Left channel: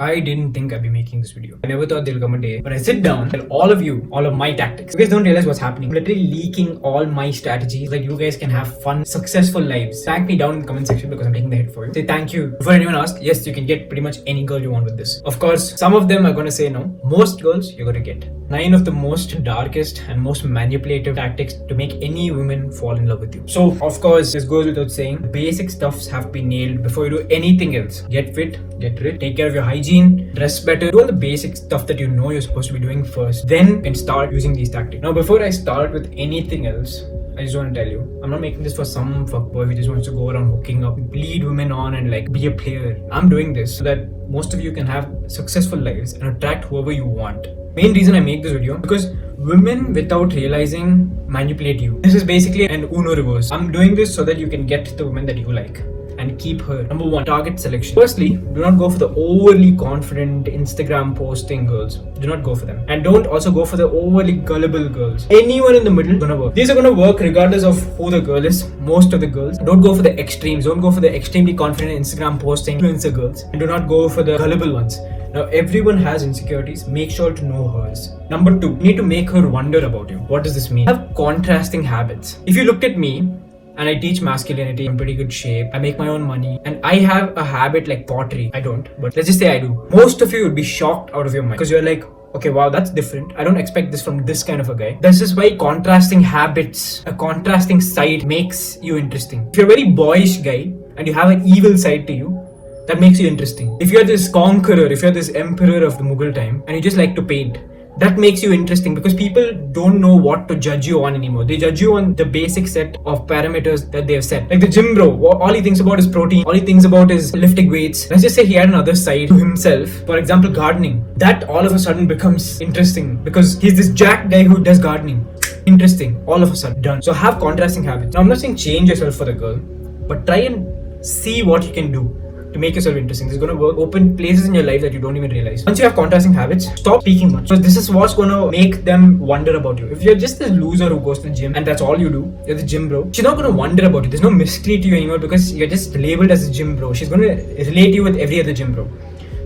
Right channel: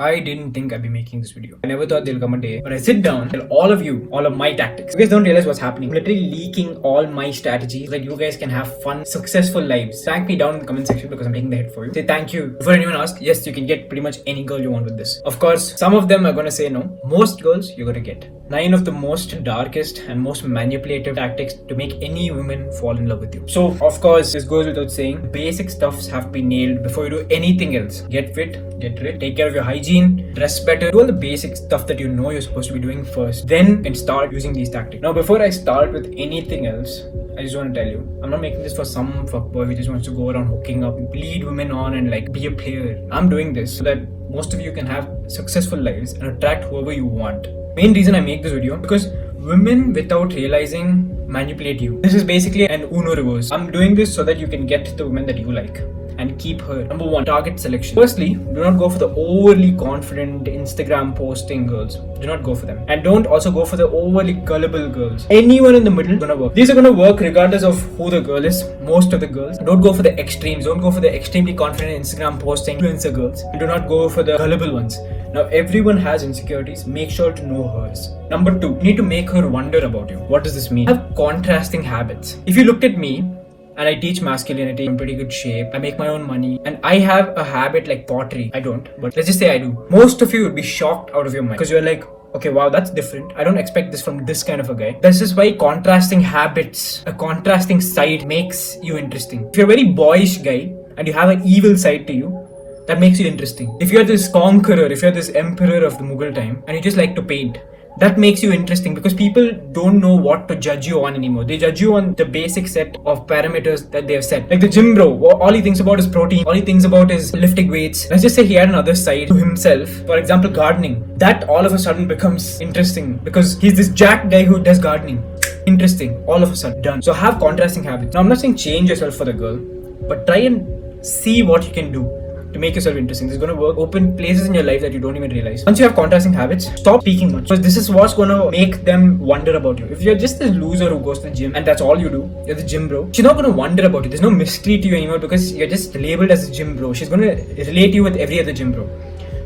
I didn't think I'd be making this video. I never thought there'll come a day when I sit down and all of you, all of my tactics. You guys don't realize what's happening. I'm literally leaking all my strategies so that you guys can have fun, successful lives. Thank me down in the comment section because I'm taking the hit for you. Say thank you. Before anyone asks, yes, you can get pretty much any girl you want with this. Of course, some of them are gonna say no. Most girls you're gonna get. 9 of the most darkest and most manipulative tactics to make any woman fall in love with you. So, of course, this goes without saying, basic stuffs have to be nailed before you do anything else. Get fit, get rid, take care of your hygiene, dress better, do all the basic stuff that you know you're supposed to be doing first. Then you can start using these tactics. Now, before I start with anything else, I just want to tell you, I'm not making this for some fuckboy who just wants to go around hooking up, lead women on and like be a player. I'm doing this so that most of you can have successful lives and attract whoever you want. Main reason I make this video because women without realizing manipulate you. This is basically an Uno reverse. I'm doing this so that you can get the woman that you like and keep her. Number 1, target selection. Firstly, do not go for the overly confident Instagram posting girls. Do not go for them. And don't also go for the overly gullible girls. Anyone in the middle is gonna work. These are gonna work regardless of who the girl is. Most of the girls. Don't go for the extremes. Don't go for the extremely confident Instagram posting influencer girls. And do not go for the gullible ones. Now, everyone has insecurities. Make sure to know hers. Number 2, you need to make her wonder about you. What does this mean? Have contrasting habits. If you looked at me, and I teach masculinity, I'm in pretty good shape, I make my own money, and I have a habit like pottery. I don't, but let's just say I do. Most of you would be shocked out of your mind because you're like, okay, wow, that's different. I don't expect this from this kind of a guy. This is why contrasting habits, a contrasting side makes you interesting. If you're a very boyish guy and you have an evil side to you, that makes you interesting. If you're this conqueror, if you're this emperor of the Mughal time and you just like to paint, that makes you interesting because people don't know what to judge you on anymore. They judge you on the basic set of parameters that they have set. Like the gym bro, all he thinks about is protein, all he thinks about is lifting weights. Let's just say he had another side to himself. For example, gardening. That all of a sudden becomes interesting because he's this jack guy who does gardening. Interesting, all of a sudden, done. So have contrasting habits. Now I'm not saying change yourself for the girl, but try and see what you can do to make yourself interesting. This is going to work. Open places in your life that you don't even realize. Once you have contrasting habits, stop speaking much. Because this is what's going to make them wonder about you. If you're just a loser who goes to the gym and that's all you do, you're the gym bro, she's not going to wonder about you. There's no mystery to you anymore because you're just labeled as a gym bro. She's going to relate you with every other gym bro.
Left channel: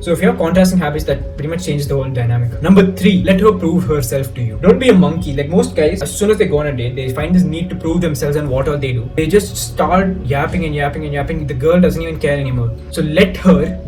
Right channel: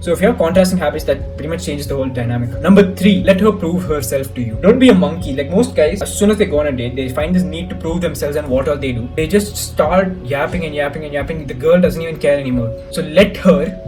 So if you have contrasting habits, that pretty much changes the whole dynamic. Number 3, let her prove herself to you. Don't be a monkey. Like most guys, as soon as they go on a date, they find this need to prove themselves and what all they do. They just start yapping and yapping and yapping. The girl doesn't even care anymore. So let her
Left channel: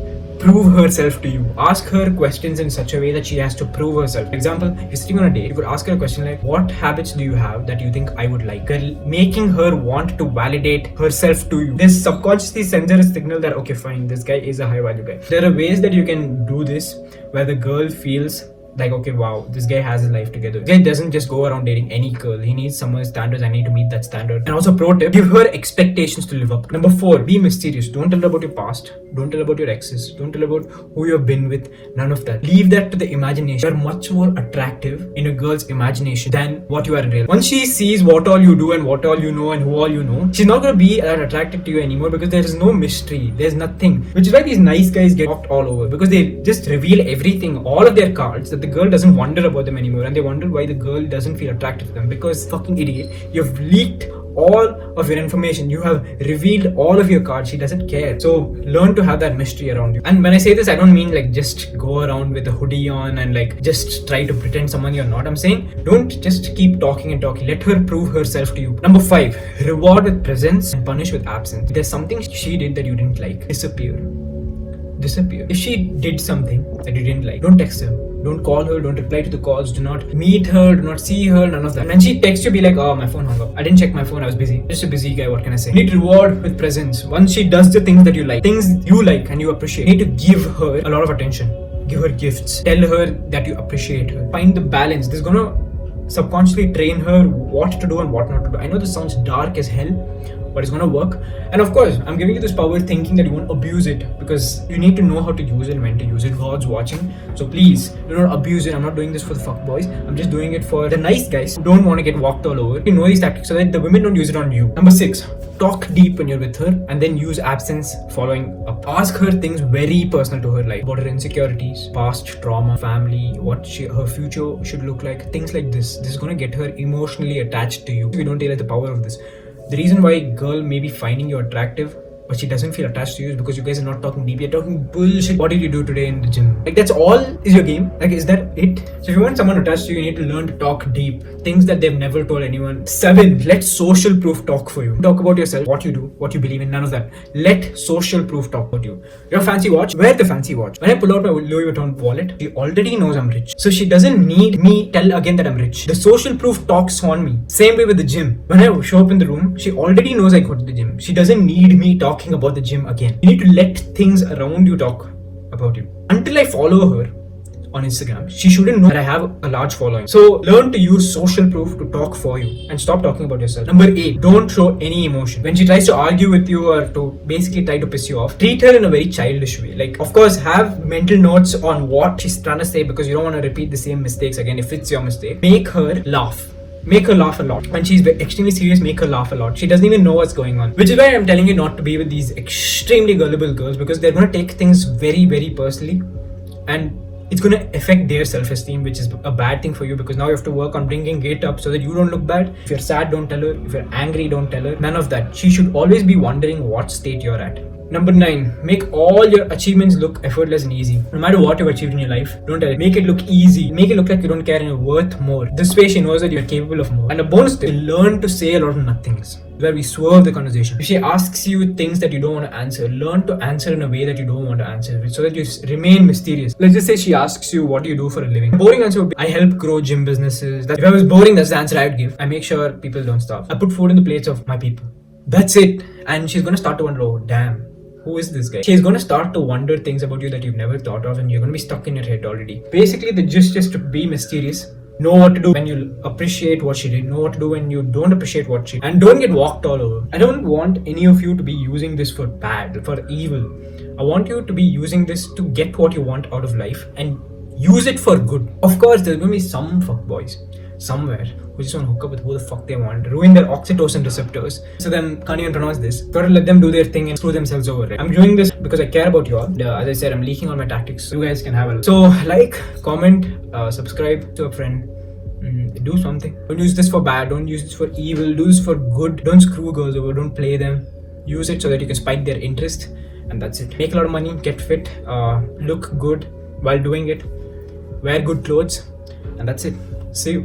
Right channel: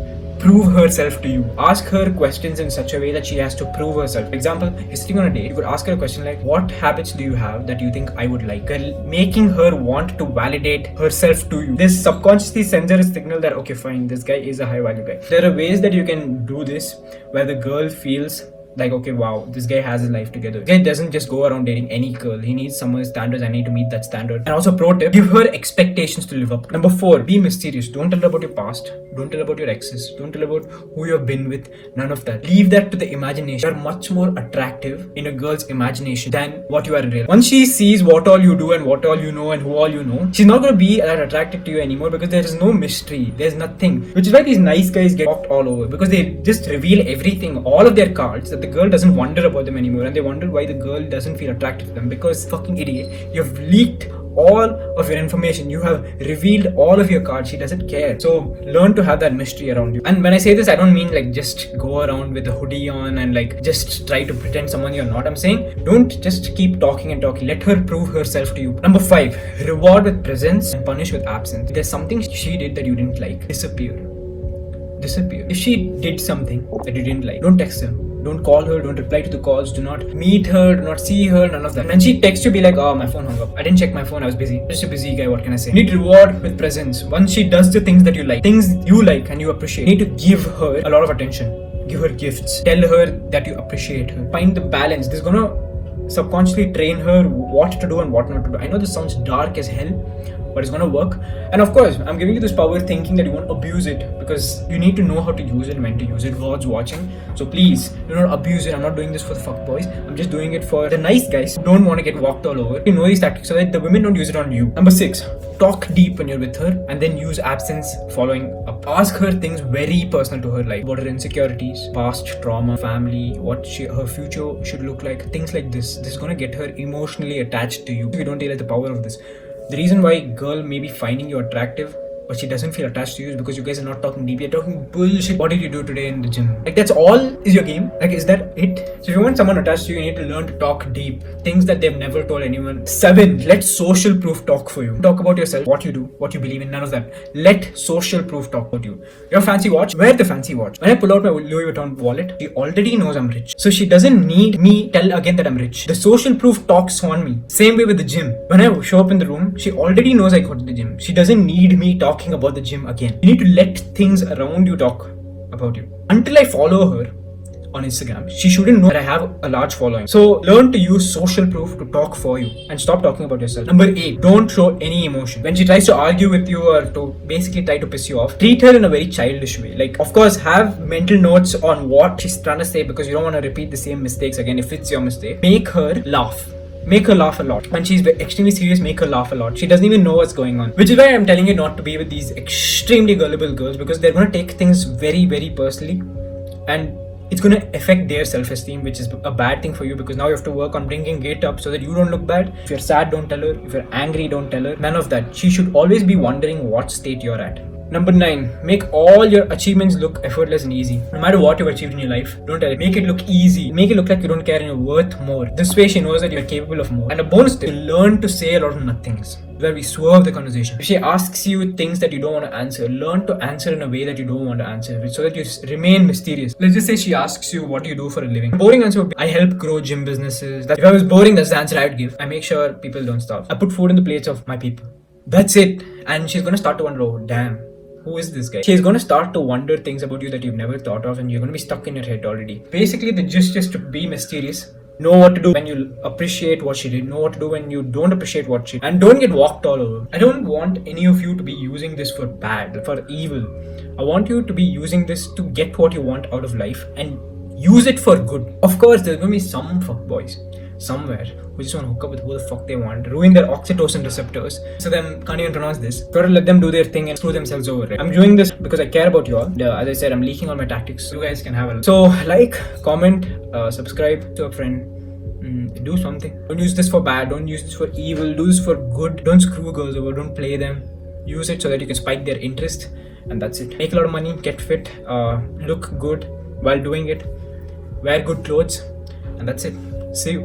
prove herself to you. Ask her questions in such a way that she has to prove herself. For example, you're sitting on a date, you could ask her a question like, what habits do you have that you think I would like? Making her want to validate herself to you. This subconsciously sends her a signal that, okay, fine, this guy is a high value guy. There are ways that you can do this where the girl feels like, okay, wow, this guy has his life together. This guy doesn't just go around dating any girl. He needs someone's standards. I need to meet that standard. And also, pro tip, give her expectations to live up to. Number 4, be mysterious. Don't tell her about your past. Don't tell about your exes. Don't tell about who you've been with. None of that. Leave that to the imagination. You're much more attractive in a girl's imagination than what you are in real. Once she sees what all you do and what all you know and who all you know, she's not going to be attracted to you anymore because there is no mystery. There's nothing. Which is why these nice guys get off all over because they just reveal everything, all of their cards, that the girl doesn't wonder about them anymore and they wonder why the girl doesn't feel attracted to them because fucking idiot, you've leaked all of your information, you have revealed all of your cards. She doesn't care. So learn to have that mystery around you. And when I say this, I don't mean like just go around with a hoodie on and like just try to pretend someone you're not. I'm saying don't just keep talking and talking. Let her prove herself to you. Number 5, reward with presence and punish with absence. If there's something she did that you didn't like, disappear. If she did something that you didn't like, don't text her. Don't call her, don't reply to the calls, do not meet her, do not see her, none of that. And when she texts you, be like, oh, my phone hung up. I didn't check my phone, I was busy. Just a busy guy, what can I say? You need reward with presence. Once she does the things that you like, things you like and you appreciate, you need to give her a lot of attention. Give her gifts. Tell her that you appreciate her. Find the balance. This is gonna subconsciously train her what to do and what not to do. I know this sounds dark as hell, but it's gonna work. And of course, I'm giving you this power thinking that you won't abuse it because you need to know how to use it and when to use it. God's watching. So please, do not abuse it. I'm not doing this for the fuck boys. I'm just doing it for the nice guys who don't want to get walked all over. You know these tactics so that the women don't use it on you. Number 6, talk deep when you're with her and then use absence following up. Ask her things very personal to her life. About her insecurities, past trauma, family, what her future should look like. Things like this. This is gonna get her emotionally attached to you. You don't realize the power of this. The reason why girl may be finding you attractive but she doesn't feel attached to you is because you guys are not talking deep. You're talking bullshit. What did you do today in the gym? Like, that's all is your game? Like, is that it? So if you want someone attached to you, you need to learn to talk deep. Things that they've never told anyone. 7. Let social proof talk for you. Talk about yourself, what you do, what you believe in, none of that. Let social proof talk about you. Your fancy watch? Wear the fancy watch. When I pull out my Louis Vuitton wallet, she already knows I'm rich. So she doesn't need me tell again that I'm rich. The social proof talks on me. Same way with the gym. When I show up in the room, she already knows I go to the gym. She doesn't need me talking about the gym again. You need to let things around you talk about you. Until I follow her on Instagram, she shouldn't know that I have a large following. So learn to use social proof to talk for you and stop talking about yourself. Number 8, don't show any emotion. When she tries to argue with you or to basically try to piss you off, treat her in a very childish way. Like, of course, have mental notes on what she's trying to say because you don't want to repeat the same mistakes again if it's your mistake. Make her laugh. Make her laugh a lot. When she's extremely serious, make her laugh a lot. She doesn't even know what's going on. Which is why I'm telling you not to be with these extremely gullible girls, because they're going to take things very, very personally. And it's going to affect their self-esteem, which is a bad thing for you, because now you have to work on bringing it up so that you don't look bad. If you're sad, don't tell her. If you're angry, don't tell her. None of that. She should always be wondering what state you're at. Number 9, make all your achievements look effortless and easy. No matter what you've achieved in your life, don't tell it. Make it look easy. Make it look like you don't care and you're worth more. This way she knows that you're capable of more. And a bonus tip, learn to say a lot of nothings, where we swerve the conversation. If she asks you things that you don't want to answer, learn to answer in a way that you don't want to answer, so that you remain mysterious. Let's just say she asks you, what do you do for a living? A boring answer would be, I help grow gym businesses. If I was boring, that's the answer I'd give. I make sure people don't starve. I put food in the plates of my people. That's it. And she's going to start to wonder, oh damn, who is this guy? She's going to start to wonder things about you that you've never thought of, and you're going to be stuck in your head already. Basically, the gist is to be mysterious. Know what to do when you appreciate what she did. Know what to do when you don't appreciate what she did. And don't get walked all over. I don't want any of you to be using this for bad, for evil. I want you to be using this to get what you want out of life and use it for good. Of course, there's going to be some fuckboys somewhere who just want to hook up with who the fuck they want, ruin their oxytocin receptors, so then can't even pronounce this. Gotta let them do their thing and screw themselves over it. I'm doing this because I care about you all. As I said, I'm leaking all my tactics. You guys can have a look. So like, comment, subscribe to a friend. Do something. Don't use this for bad. Don't use this for evil. Do this for good. Don't screw girls over. Don't play them. Use it so that you can spike their interest, and that's it. Make a lot of money. Get fit. Look good while doing it. Wear good clothes, and that's it. See you.